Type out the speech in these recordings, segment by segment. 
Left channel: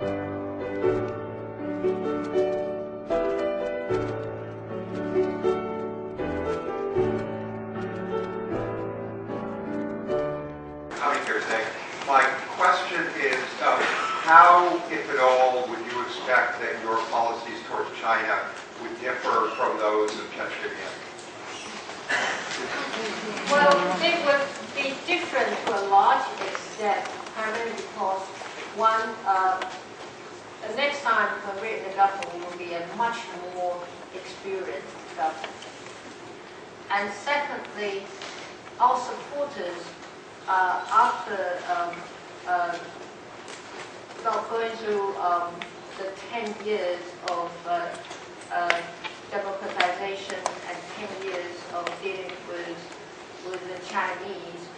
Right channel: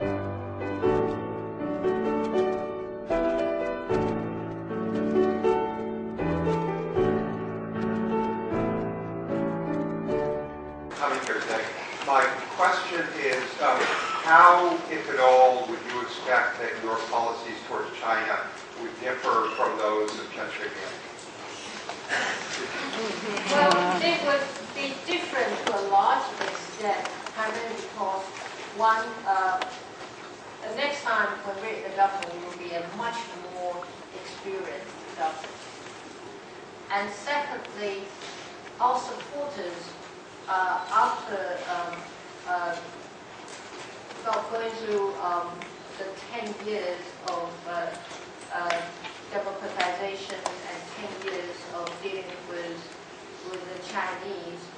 My question is, how, if at all, would you expect that your policies towards China would differ from those of Chen Shui-bian? Well, it would be different to a large extent, primarily because one, the next time when we're in the government, we will be a much more experienced government. And secondly, our supporters, after going through the 10 years of democratization and 10 years of dealing with the Chinese,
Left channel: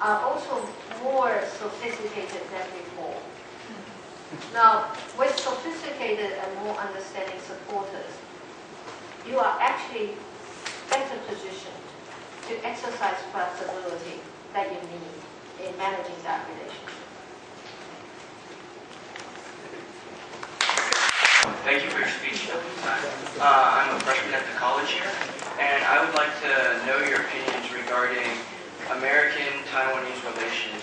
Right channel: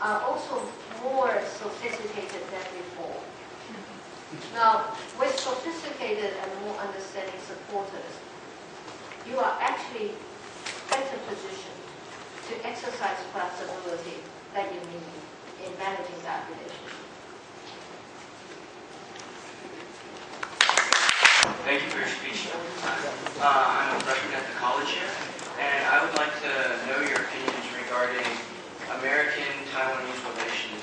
are also more sophisticated than before. Now, with sophisticated and more understanding supporters, you are actually better positioned to exercise flexibility that you need in managing that relationship. Thank you for your speech. I'm a freshman at the college here, and I would like to know your opinions regarding American-Taiwanese relations,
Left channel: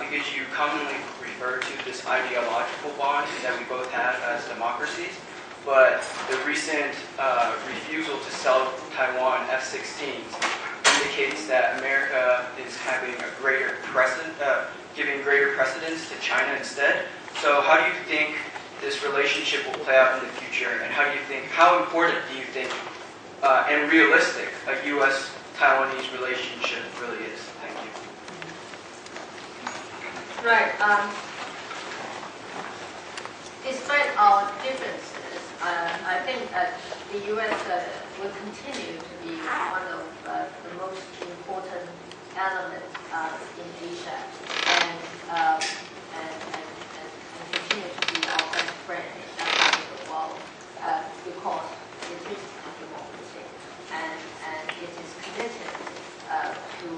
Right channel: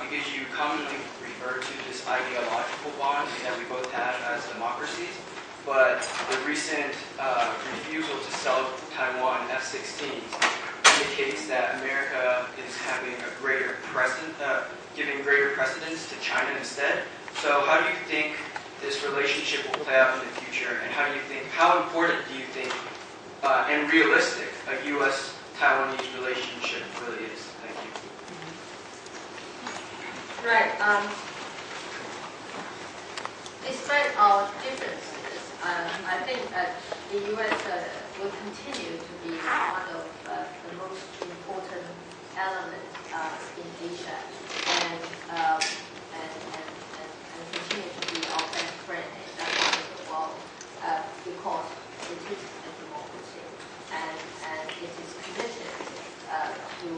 because you commonly refer to this ideological bond that we both have as democracies, but the recent refusal to sell Taiwan F-16s indicates that America is having a greater giving greater precedence to China instead. So how do you think this relationship will play out in the future, and how important do you think and realistic a U.S.-Taiwanese relationship really is? Thank you. Right. Despite our differences, I think that the U.S. will continue to be one of the most important elements in Asia, and continue to be our best friend in that part of the world, because it is a democracy, and it is committed to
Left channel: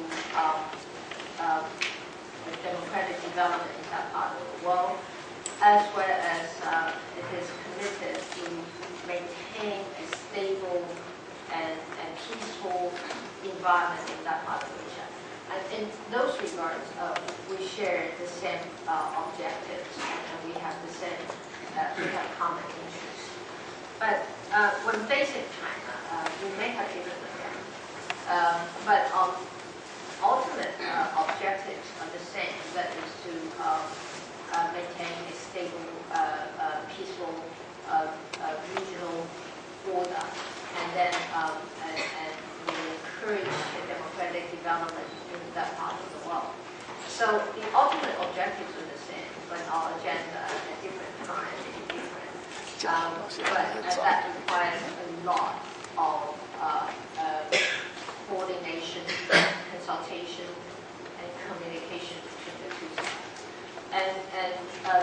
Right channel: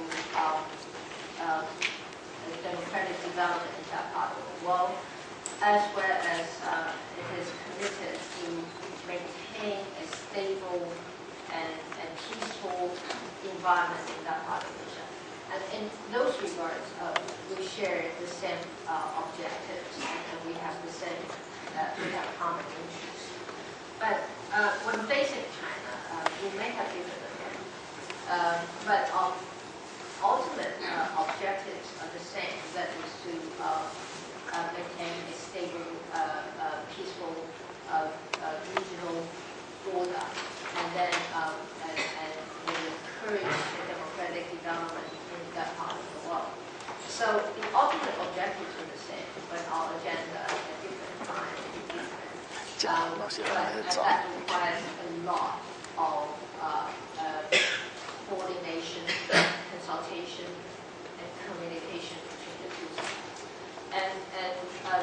the democratic development in that part of the world, as well as it is committed to maintain a stable and peaceful environment in that part of Asia. And in those regards, we share the same objectives, and we have the same, we have common interests. But when facing China, we may have different agendas. But ultimate objectives are the same. That is to maintain a stable, peaceful regional order, and then encourage the democratic development in that part of the world. So the ultimate objectives are the same, but our agenda at different times is different. But that requires a lot of coordination, consultation, and communication between the two sides. And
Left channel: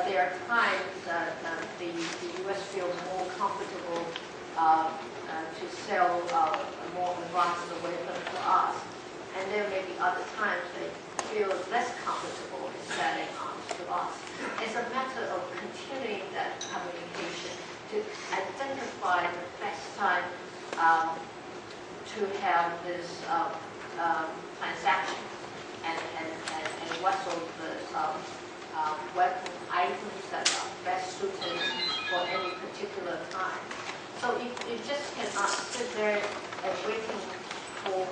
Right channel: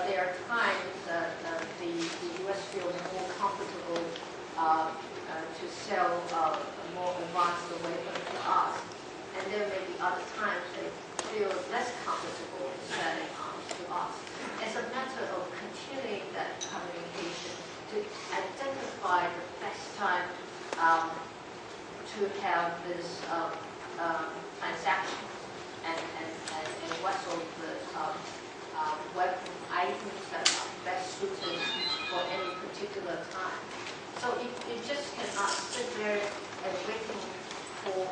there are times the U.S. feels more comfortable to sell more advanced weapons to us, and there may be other times they feel less comfortable in selling arms to us. It's a matter of continuing that communication to identify the best time to have this transactions and what sort of weapon items that are best suited for any particular time. So you just cannot sit there and waiting for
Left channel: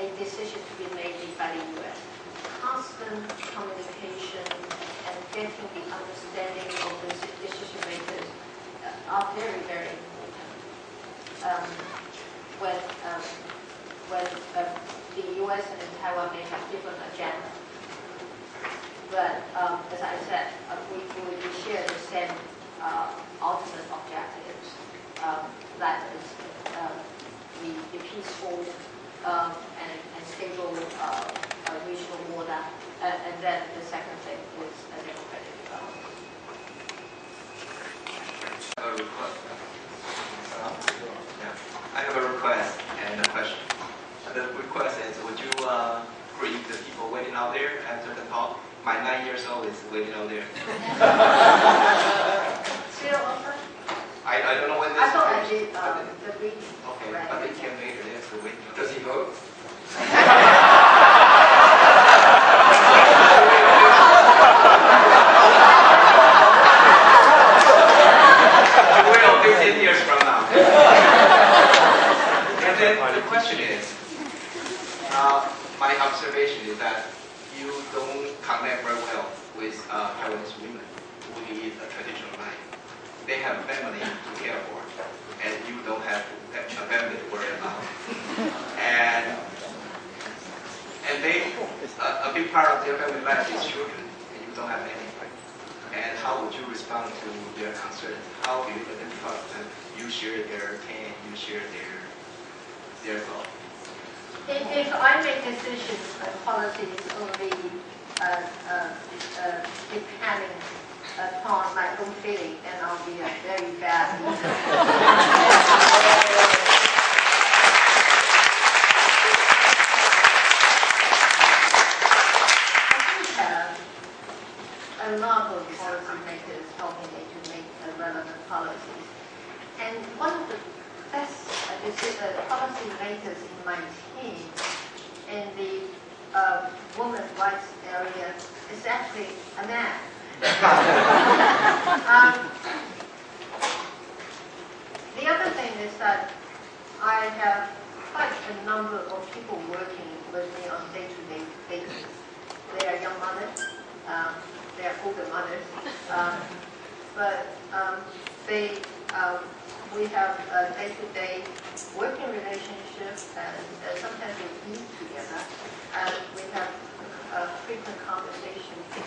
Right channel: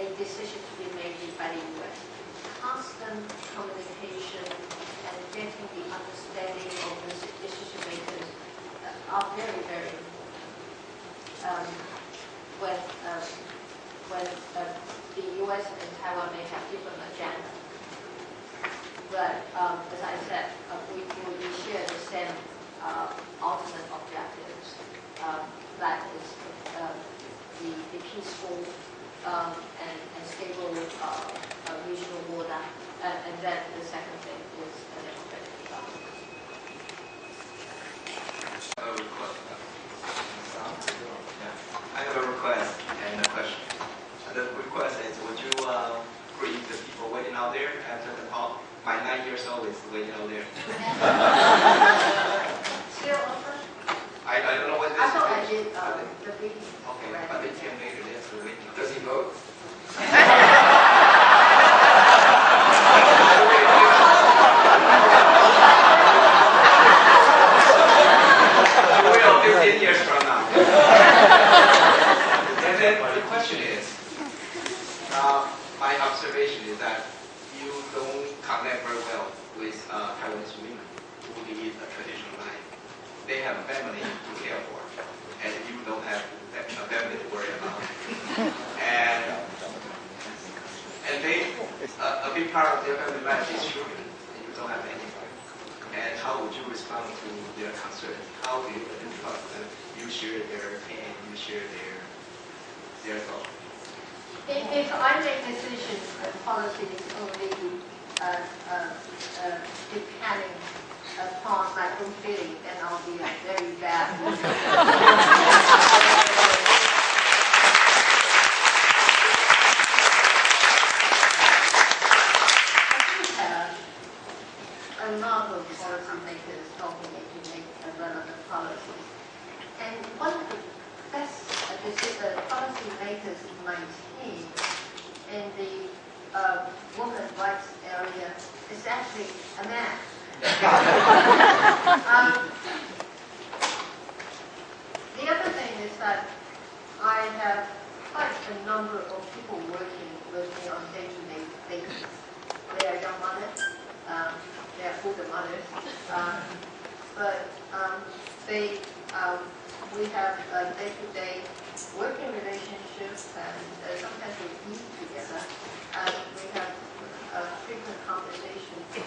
a decision to be made by the U.S. Constant communication and getting the understanding of the decision makers are very, very important. When the U.S. and Taiwan may have different agendas, but as I said, we share the same ultimate objectives. That is the peaceful and stable regional order, and then the second thing is democratic development. I have a request and a question. The request is, would you greet the people waiting out there after the talk? My 9 years old is waiting out there. Still also? I don't know whether I it's thought I okay. did the reading. Okay, Right. but they came later. They have to wait. Does he vote? He will 15 years from now. And then the question is, my observation is that you don't connect very well with Taiwanese women who lead a traditional life. They have a family to care for, and you don't have a family to worry about. And they, a big part of their family life is children, and you don't have any. And how would you respond to their concerns? How do you let them trust that you share their pain, you share their thoughts? If I make decisions and policies only depending upon my own feeling, then I'll be a very bad leader. A lot of policymakers helping me to make relevant policies. And one of the best policymakers in my team in the women's rights area is actually a man. The other thing is that I have quite a number of people working with me on a day-to-day basis. They are young mothers. They are older mothers, but we have a day-to-day working relationship, and sometimes we eat together, and we have a frequent conversation. The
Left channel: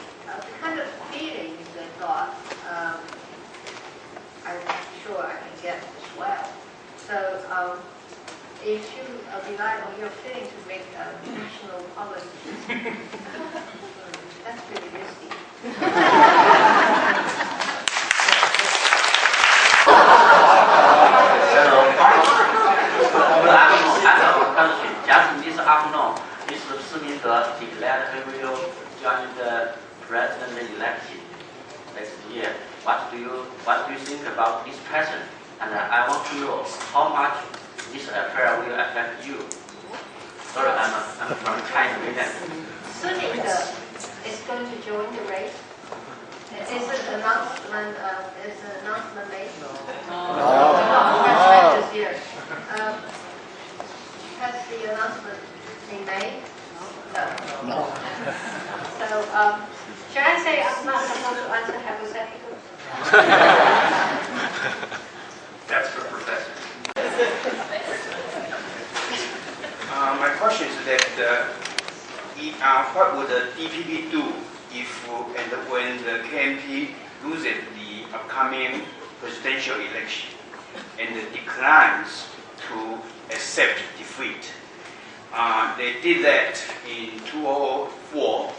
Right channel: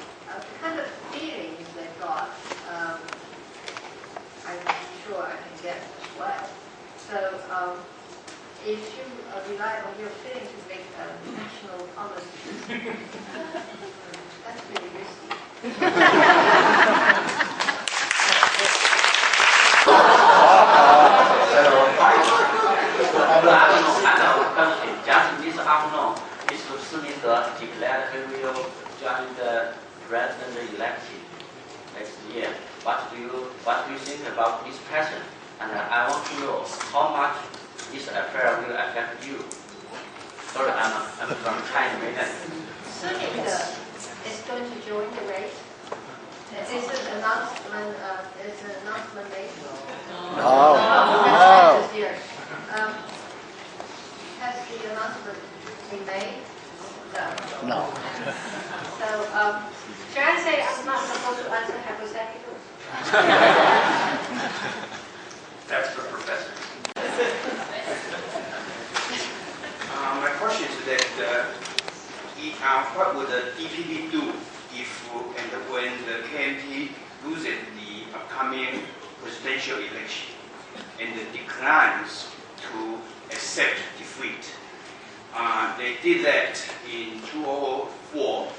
kind of feelings they got, I'm sure I can get as well. So if you rely on your feeling to make national policies, that's pretty risky. Just this afternoon, Mr. Senator declared he will join the president election next year. What do you think about this person? And I want to know how much this affair will affect you. Sorry, I'm from China. Senator is going to join the race. Is an announcement made? This year. Has the announcement been made? No. So, should I say I'm not supposed to answer hypotheticals? That's for professors. My question is that what would the DPP do if and when the KMT loses the upcoming presidential election and declines to accept defeat? They did that in 2004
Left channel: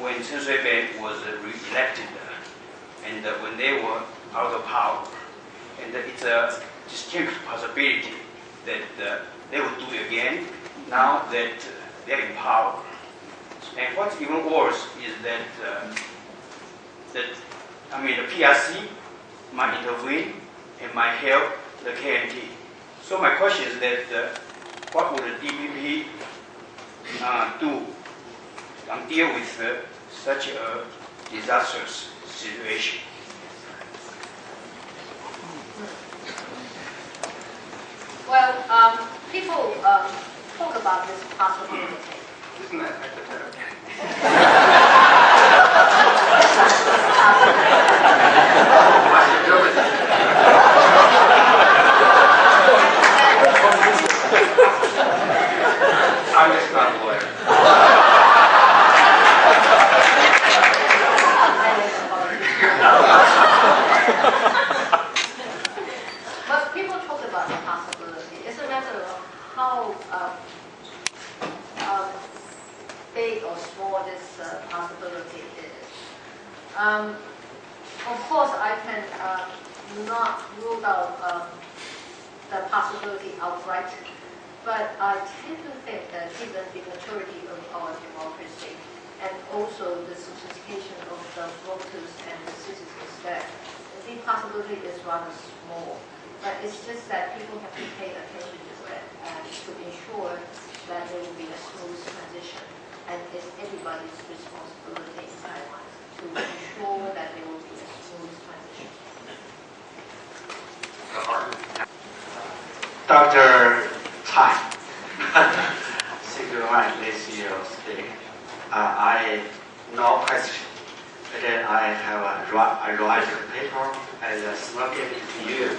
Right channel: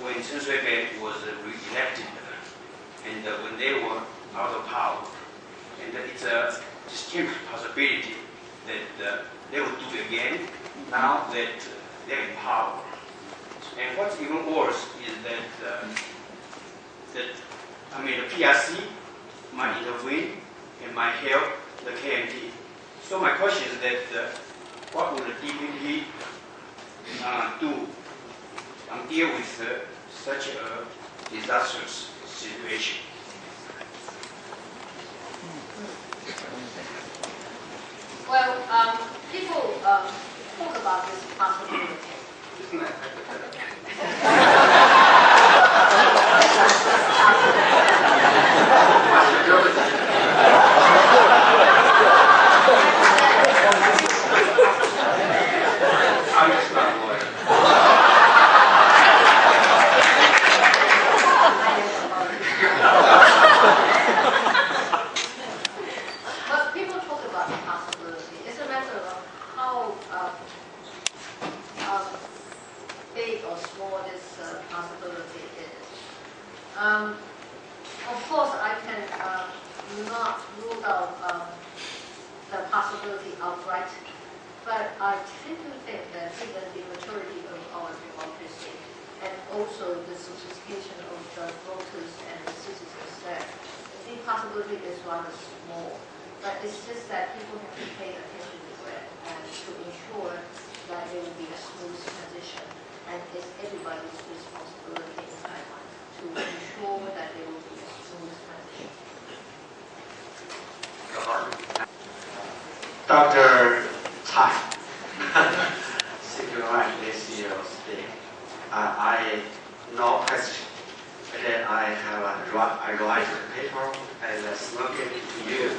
when Chen Shui-bian was re-elected and when they were out of power. And it's a distinct possibility that they will do it again now that they're in power. And what's even worse is that the PRC might intervene and might help the KMT. So my question is that what would the DPP do and deal with such a disastrous situation? Well, people talk about this possibility. Isn't that hypothetical? I'm just not a lawyer. But people talk about the possibility. It's a matter of how big or small this possibility is. Of course, I can not rule out the possibility outright, but I tend to think that given the maturity of our democracy and also the sophistication of the voters and the citizens, that responsibility is rather small, but it's just that people have to pay attention to it and to ensure that there will be a smooth transition. And it's everybody's responsibility in Taiwan to ensure that there will be a smooth transition. Dr. Tsai, thank you very much. This is your speak. I no question, but then I have a write paper as a small gift to you.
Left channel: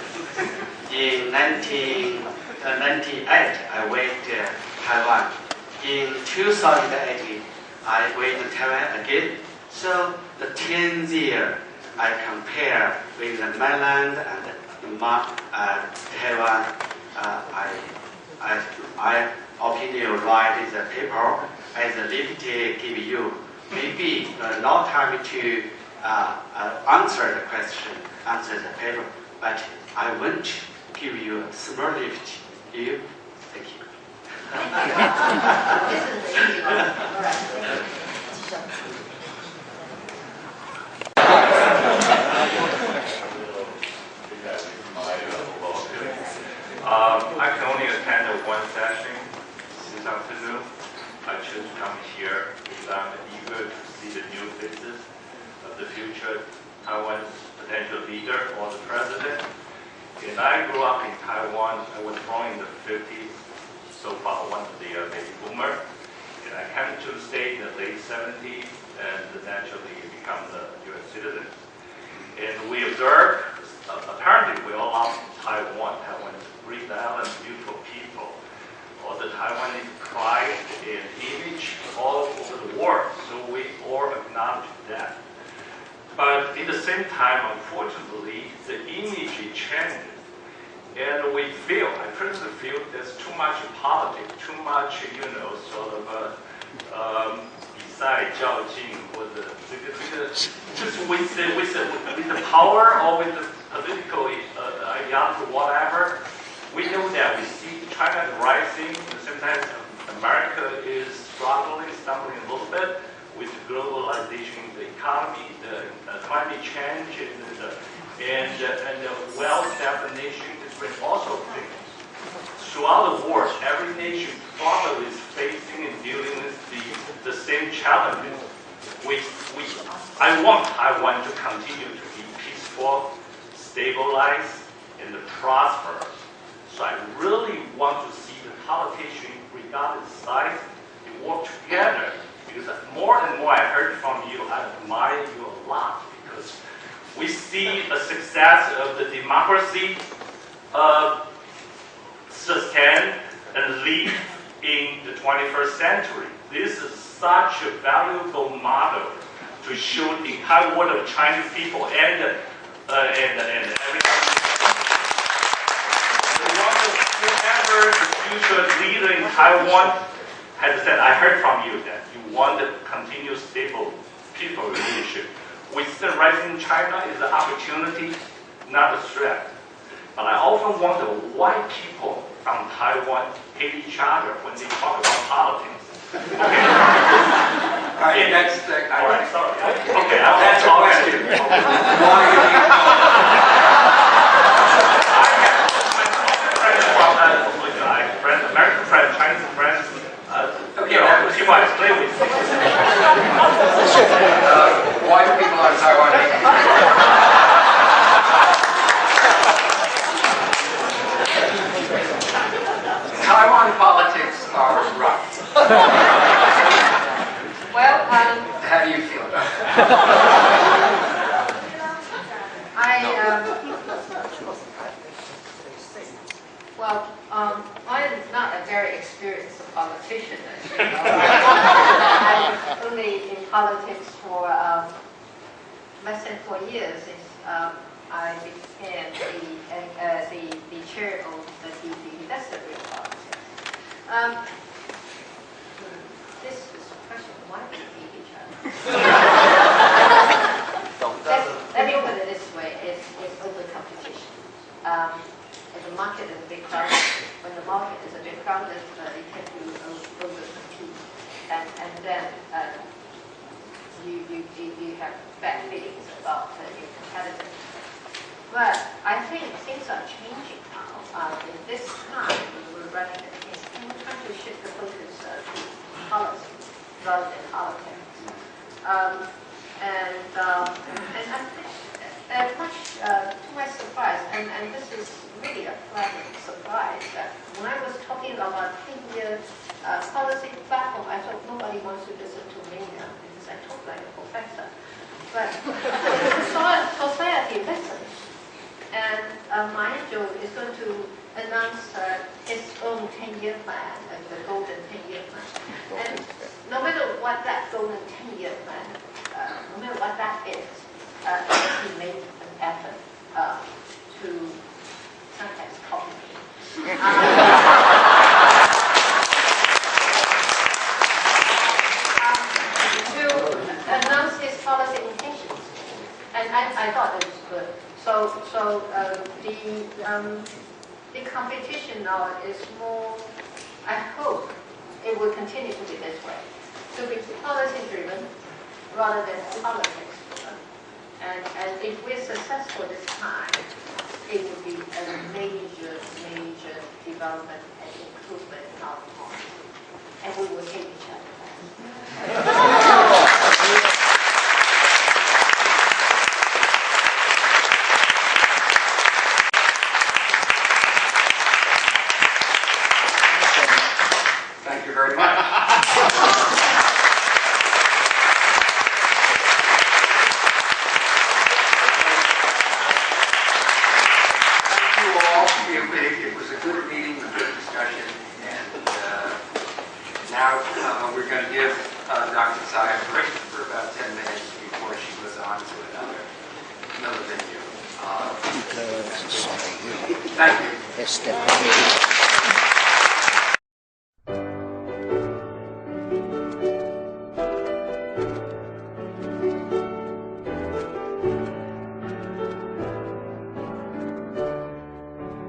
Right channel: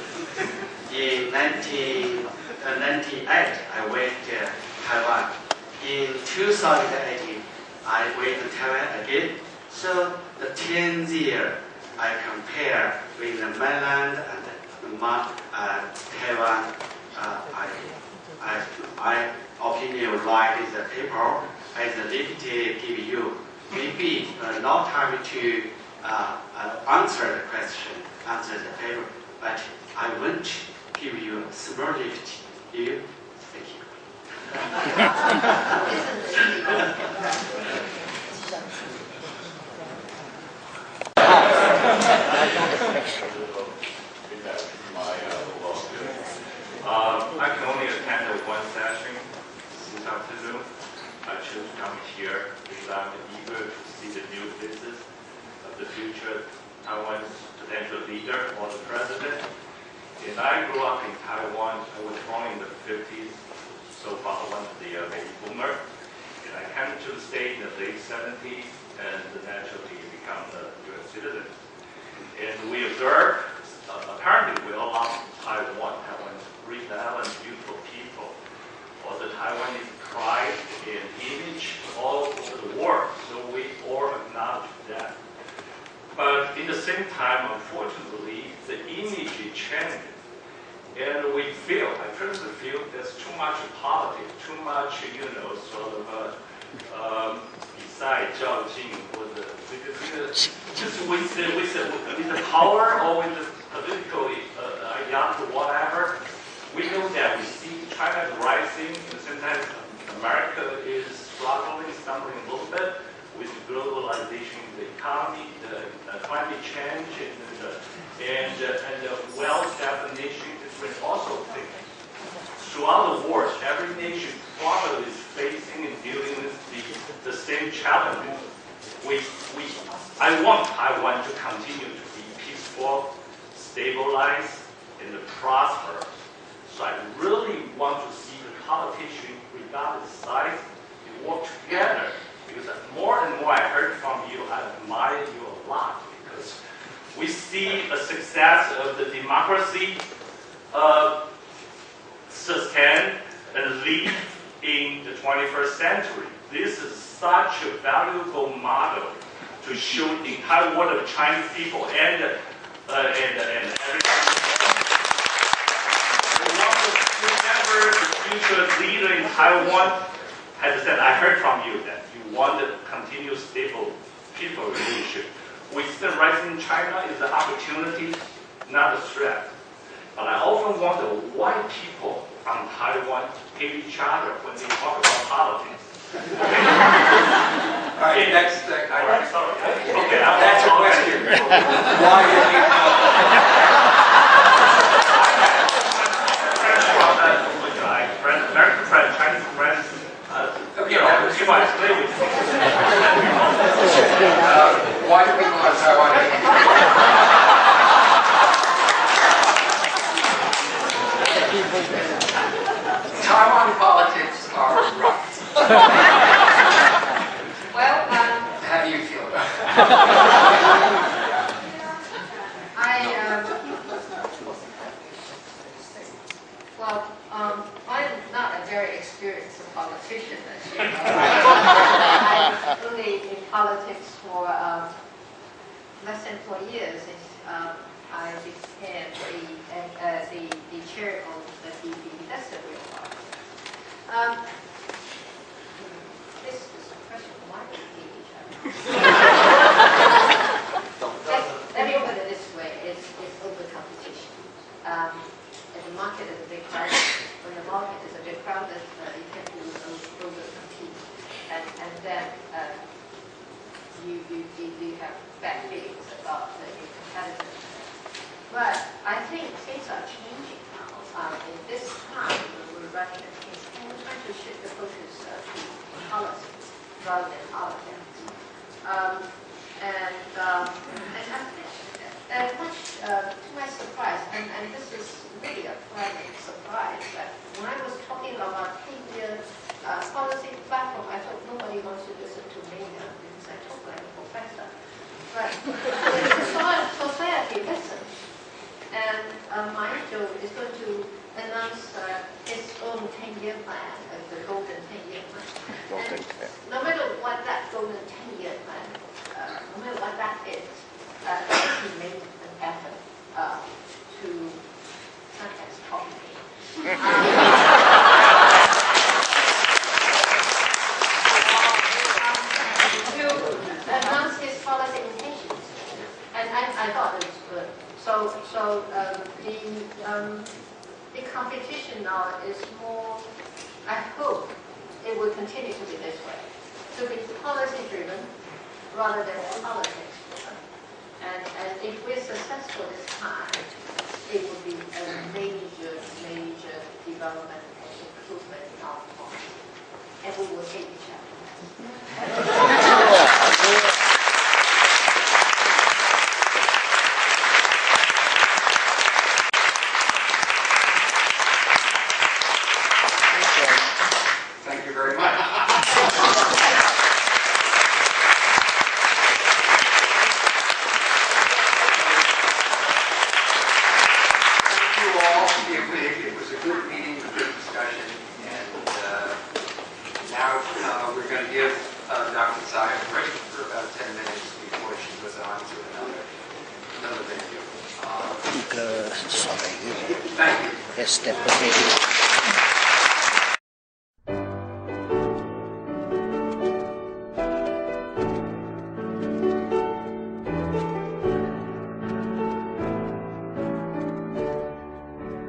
In 1998, I went to Taiwan. In 2018, I went to Taiwan again. So the 10th year, I compare with the mainland and Taiwan. I opinion write the paper as a limited give you. Maybe not time to answer the question, answer the paper, but I want to give you a small lift. You, thank you. I can only attend one session this afternoon. I choose to come here because I'm eager to see the new faces of the future Taiwan's potential leader or the president. And I grew up in Taiwan. I was born in the 50s, so far one of the baby boomer. And I came to the state in the late 70s and naturally become a U.S. citizen. And we observed, apparently we all love Taiwan. Taiwan is a great island, beautiful people. All the Taiwanese pride and image all over the world. So we all acknowledge that. But at the same time, unfortunately, the image changes. And we feel, I personally feel there's too much politics, too much, sort of beside 较劲 或者这个 just with the power or with the political ideology, whatever. We know that we see China is rising, at the same time America is struggling, stumbling a little bit with the globalization of the economy, the climate change, and the well-established nation is also things. Throughout the world, every nation probably is facing and dealing with the same challenges. I want Taiwan to continue to be peaceful, stabilized, and prosperous. So I really want to see the politicians, regardless of size, they work together. Because more and more I heard from you, I admire you a lot. Because we see a success of the democracy sustain and lead in the 21st century. This is such a valuable model to show the entire world of Chinese people and everything. Whoever the future leader in Taiwan has said, I heard from you that you want a continuous stable peaceful relationship. With the rising China is an opportunity, not a threat. But I often wonder why people from Taiwan hate each other when they talk about politics. Okay. All right, next. All right, sorry. Okay, that's a question. Why do you hate American friends, Chinese friends, see why I play with you. why do people on Taiwan hate each other? Taiwan politics are rough. Well, How do you feel about it? I'm not a very experienced politician, as you know. I'm only in politics for less than 4 years. I became the chair of the Investor Group Politics. This is a question, why do we hate each other? Let me put it this way, it's open competition. If the market is a bit crowded, when the market is a bit crowded, it can do over compete. And then you have bad feelings about your competitors. But I think things are changing now. In this time, we're running against, and we're trying to shift the focus to policies rather than politics. And I think, much to my surprise, and this is really a pleasant surprise, that when I was talking about 10-year policy platform, I thought nobody wants to listen to me now because I talk like a professor. But the society listens. And Maestro is going to announce his own 10-year plan, the golden 10-year plan. And no matter what that golden 10-year plan, no matter what that is, he made an effort to sometimes copy me. To announce his policy intentions. And I thought it was good. So the competition now is more, I hope it will continue to be this way, to be policy driven rather than politics driven. And if we're successful this time, it will be a major development and improvement in our policy. And we will hate each other. Thank you very much. Thank you all. It was a good meeting, a good discussion, and now we're going to give Dr. Tsai a break for about 10 minutes before she goes on to another venue. Thank you.